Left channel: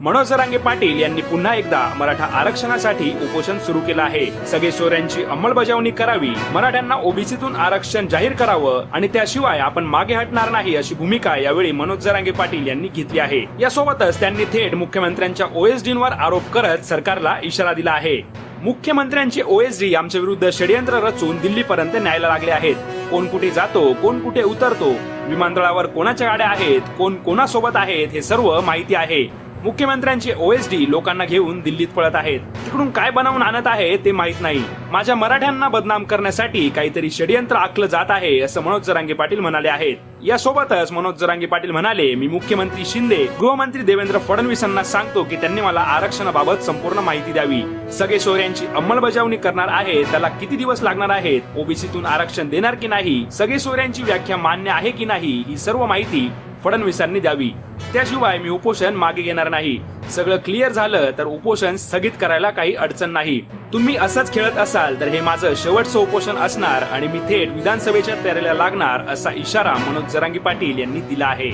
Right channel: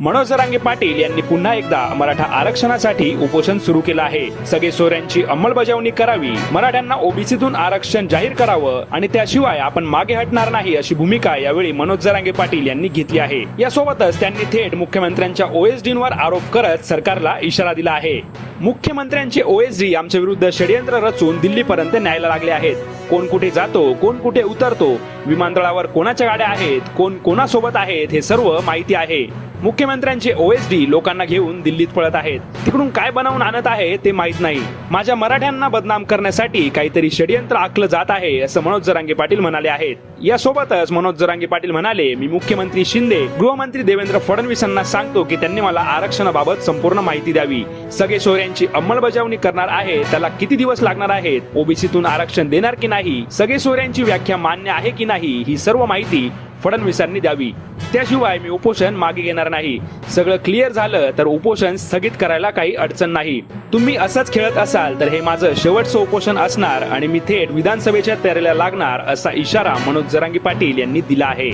मनोज जरांगे पाटील यांनी पुन्हा एकदा मराठा आरक्षणासाठी उपोषण सुरू केलं आहे. सगळे सोऱ्यांची अंमलबजावणी करावी मराठ्यांना ओबीसीतून आरक्षण जाहीर करावं आणि त्याशिवाय आपण मागे हटणार नाही अशी भूमिका यावेळी मनोज जरांगे पाटील यांनी घेतली आहे. यासोबतच त्यांनी थेट मुख्यमंत्र्यांच्या ओएसडींवर आरोप करत सरकारला इशारा दिला आहे. मुख्यमंत्र्यांचे ओएसडी आमच्या विरुद्ध षडयंत्र रचून दिल्लीपर्यंत न्यायला लागले आहेत. कोण कुठे जातो कोण कुठे उतरतो विमानतळावर कोणाच्या गाड्या आहेत कोण कोणासोबत आहेत हे सर्व माहिती आहे. मुख्यमंत्र्यांचे ओएसडी लोकांना घेऊन दिल्लीत पळत आहेत. तिकडून काय बनवून आणत आहे ते माहीत नाही. माझ्या मराठ्यांना बदनाम करण्यासाठी काहीतरी षडयंत्र आखलं जात आहे असं मनोज जरांगे पाटील म्हणाले आहेत. यासोबतच मनोज जरांगे पाटील म्हणाले मी मुख्यमंत्री शिंदे गृहमंत्री देवेंद्र फडणवीसांना सांगतो की त्यांनी मला आरक्षणाबाबत संपूर्ण माहिती द्यावी. सगळे सोयऱ्यांची अंमलबजावणी करणार आहे त्याला किती दिवस लागणार आहेत? ओबीसीतून आरक्षण देणार की नाही? सगळे सोयऱ्यांची व्याख्या मान्य आहे की नाही? ही सर्व माहिती फडणवीसांनी द्यावी. त्याशिवाय मी उपोषण मागे घेणार नाही. सगळं क्लिअर झालं तर उपोषण स्थगित करायला काही अडचण नाही. तुम्ही असंच खेळत असाल तर हे माझं शेवटचं उपोषण असणार आणि मी थेट विधानसभेच्या तयारीला लागणार असा इशारा मनोज जरांगी पाटील यांनी दिला आहे.